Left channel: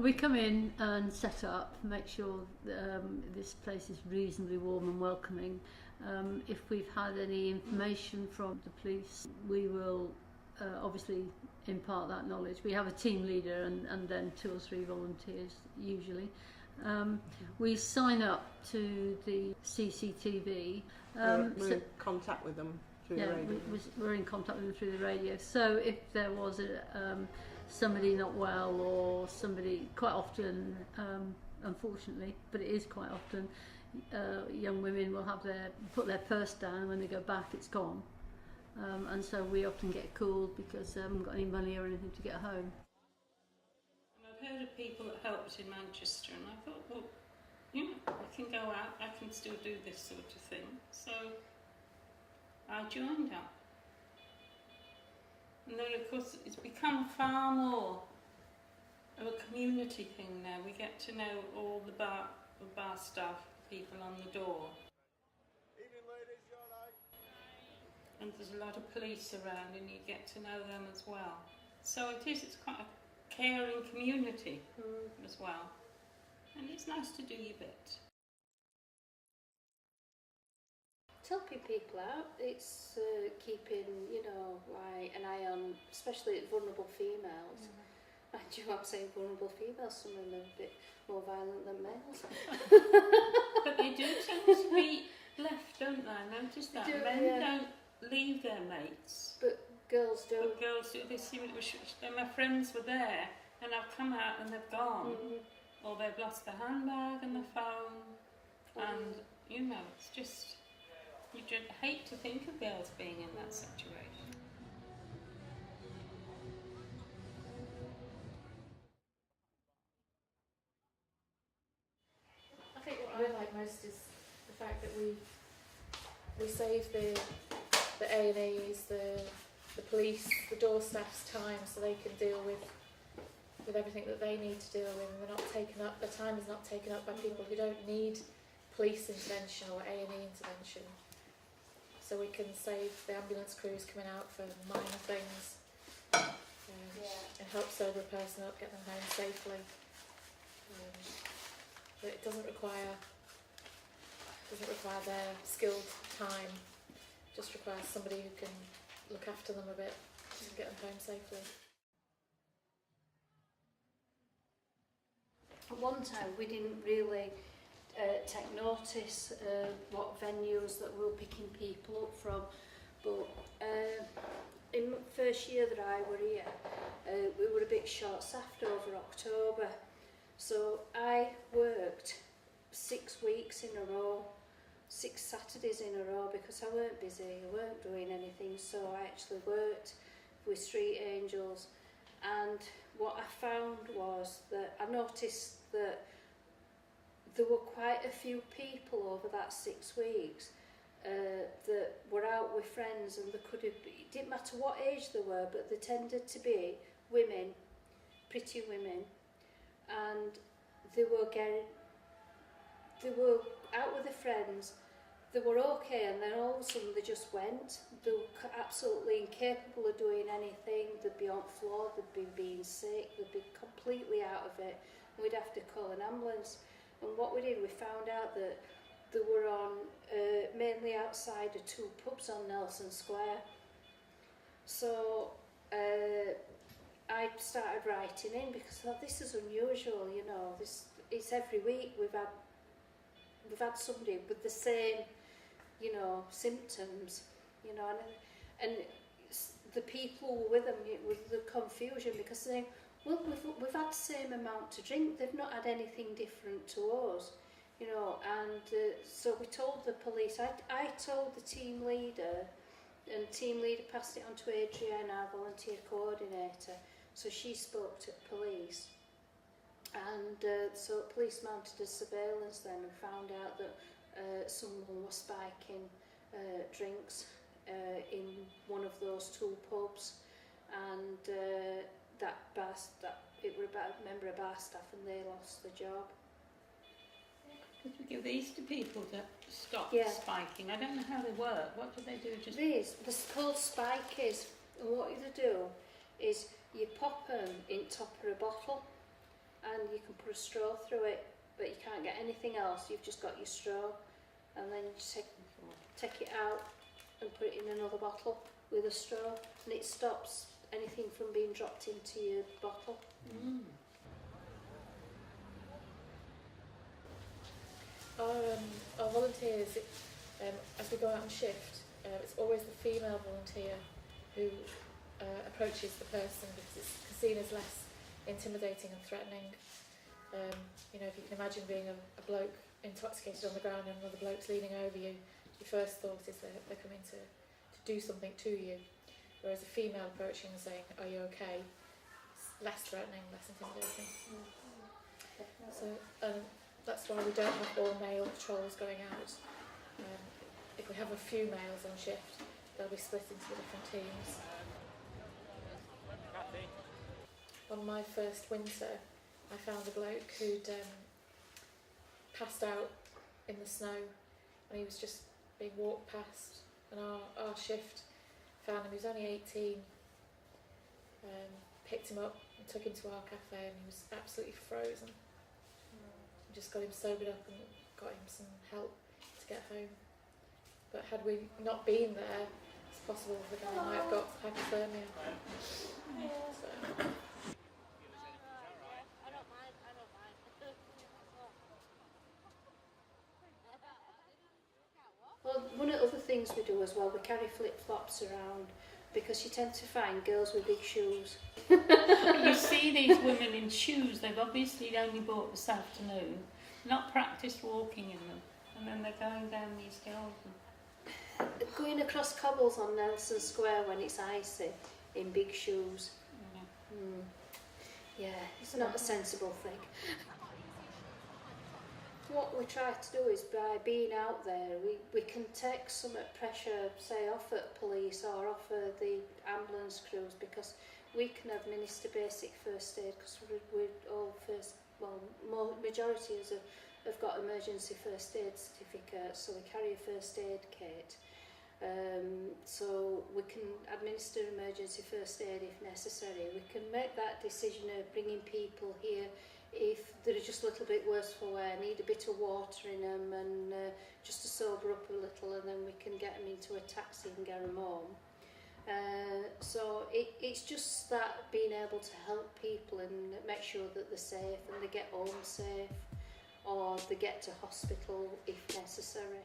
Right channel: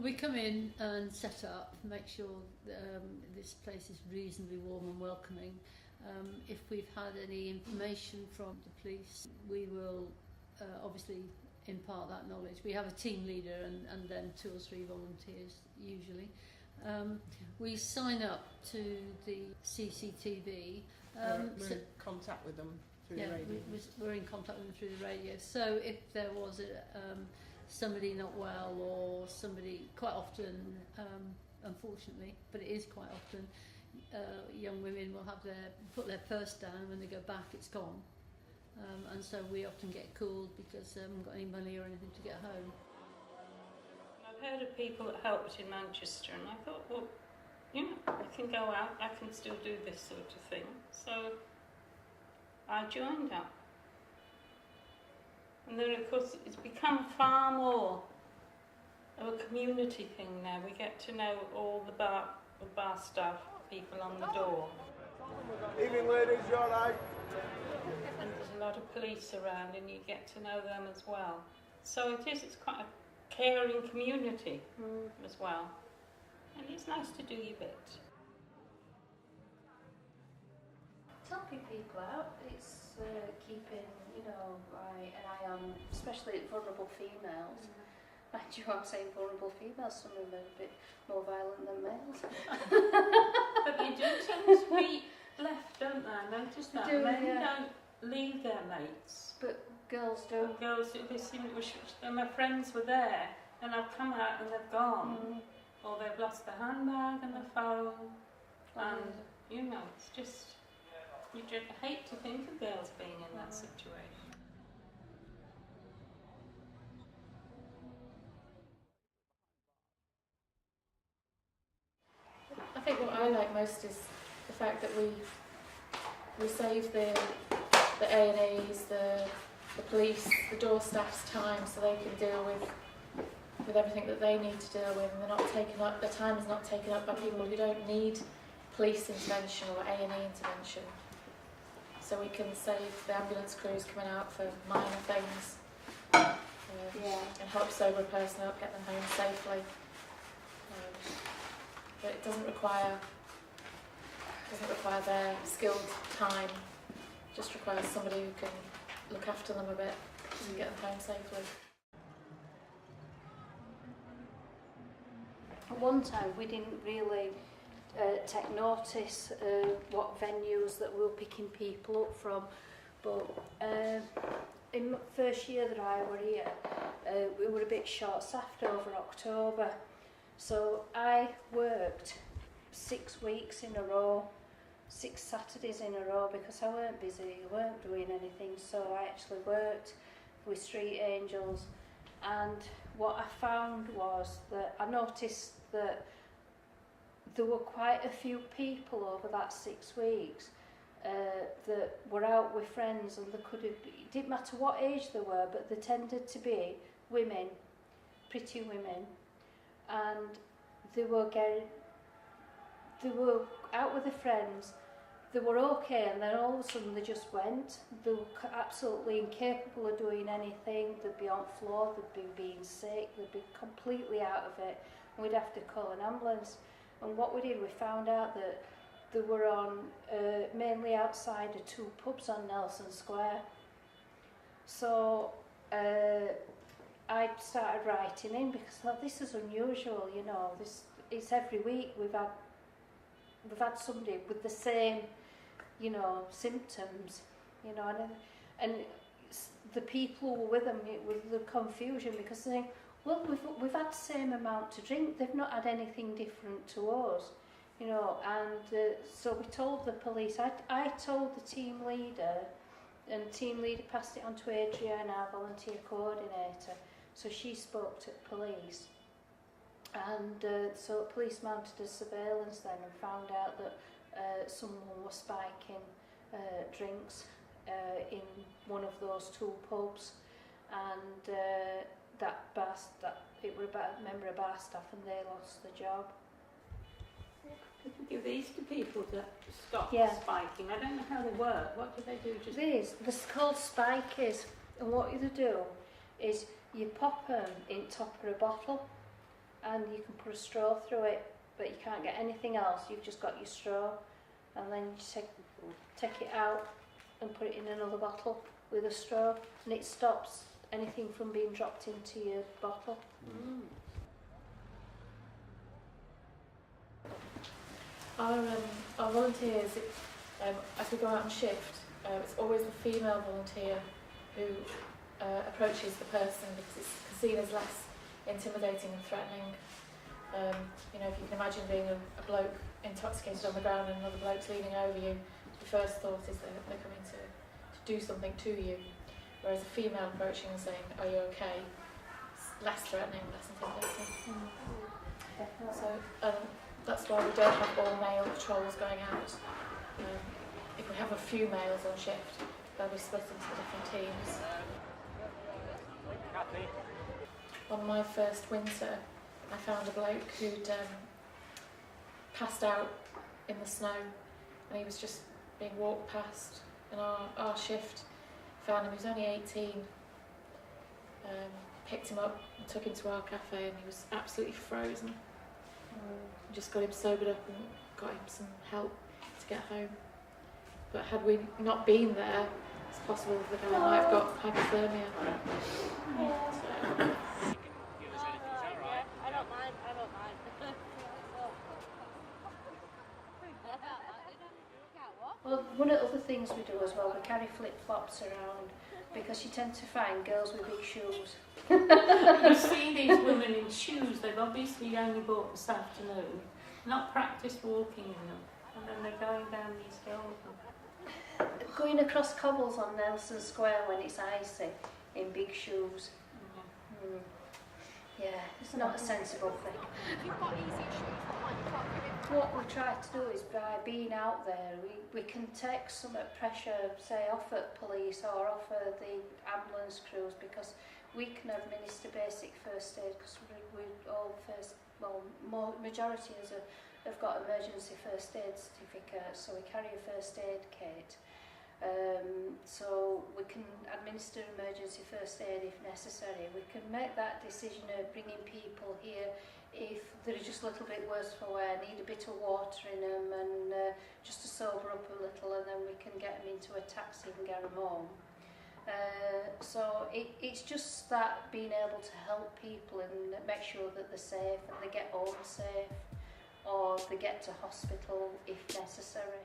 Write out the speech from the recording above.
We come in and set up, make sure this place is reasonably warm and welcoming. If we've had any information from the police, we will obviously impart that knowledge. We have a team leader and then 2 or 3 volunteers usually. We sign up to the CCTV. We're in contact with them through the radio. We're in contact with them through the radio. So if there was somebody not well or somebody, quite often, unfortunately, but it is quite often, young women will have put their purse down, and when they go back it's gone. And so we often get called because they haven't got any money or anything to get home. I've heard of people that helped in Manchester, and I thought, well, you know, I can go out, I can still do this sort of thing. So I joined up. And then of course it's become far more of a community thing now. We get to know all the bar staff, people on the door. Evening ladies, you alright? And there's a lot of police around and you get to know them as well. So it's quite a caring community as well. And it's nice to do your bit. It's helping people out. It's keeping, you know, like an eye on, especially vulnerable females. And you are saying vulnerable females, some of them are a bit more violent than males. But they do tend to be left, don't they? I noticed that. Men don't leave their mates. But girls do. But girls do. They seem and my friends were there, and I've come out and they've gone. Or they've lost their handbag and their phone. And, you know, it's just... You just hate to think of girls being in that situation. I think what I like most is the fact that we save the A&Es, the police, the door staff's time, so they can deal with everything that they need to deal with, and they're not taken up. Their time is not taken up by people who don't need police intervention or A&E intervention. So we can save the ambulance crews coming out for minor things and help sober a person up, get them home safely. But it doesn't require their skilled time. It just requires somebody who can look after them a bit and get them home safely. At one time we didn't really take notice what venues that we were picking people up from, but in the first year that I were here we were a bit short-staffed over October, so I worked 6 weeks in a row, 6 Saturdays in a row, because I weren't busy, I weren't doing anything, so I actually worked with Street Angels. And what I found was that I noticed that there were quite a few people over that 6 weeks that were out with friends, and it didn't matter what age they were, but they tended to be women, pretty women, and they were out with their friends, they were okay, and then all of a sudden they just went. They were absolutely incapable of doing anything. They'd be on the floor, they'd be being sick, they'd be completely out of it, and we'd have to call an ambulance. And what we did, we found out that they were on mainly outside of 2 pubs on Nelson Square. So I started writing in, because I thought, this is unusual, you know. It's every week we've had somebody with the same, you know, symptoms, you know, and the people who were with them, with the confusion, because they think, well, we've had the same amount to drink, they've not had anything different to us, you know. And so we told the police, I told the team leader, and the team leader passed it on to Adrienne, our volunteer coordinator, so she spoke to the police. And so police mounted a surveillance then and found out that someone was spiking drinks in one of those 2 pubs, and it were about a member of bar staff, and they lost the job. Could we give these to people to stop spiking? I don't know how they work. What do they do? They're called spikies, and what you do is you pop them in top of a bottle, and you can put a straw through it, but you can't get anything else. You've just got your straw, and then you take it out and put it in another bottle with a straw, and it stops anything from being dropped into your bottle. Our volunteers, as we go out on shift, it's always the female volunteer who approaches the person because it's seen as less intimidating and threatening. You know, if you can imagine being a bloke intoxicated on the ground and another bloke's leaning over you, your first thought is that they're coming to do something to you. Whereas a female approaching and saying, "Are you okay?" It's less threatening, less intimidating. So that's why we don't have all male patrols going out. If we have a few males on shift, they'll be split into different teams. On my first winter, I found a bloke who'd passed out in the snow, and he was just being walked past, and our shift found him. He was only 18, picked him up and took him to our cafe, and he was absolutely frozen. We just got him sobered up and got him some help to get home. But had we not been there, it's possible that the guy might have got hypothermia. So. Well, one of the other things we do as well, we carry flip-flops around because you tend to find girls with big shoes. You see these women in shoes they've obviously only bought this afternoon, not practiced walking in them, and then they're going down these hills. Going across cobbles on Nelson Square when it's icy in big shoes. Yeah, it's not a sensible thing. What we try to do is by being out there, we can take some pressure, say, off at police or off at the ambulance crews, because we can administer basic first aid, because we all majority of us have got emergency first aid certificates, so we carry a first aid kit. So we can administer emergency first aid if necessary. We can make that decision of bringing people here if they're just a little bit worse for wear, need a bit of water in them, and just to sober up a little, and then we can get them into a taxi and get them home. So it's just that being able to help people and make sure that they're safe and they get home safe, or they get to hospital if necessary.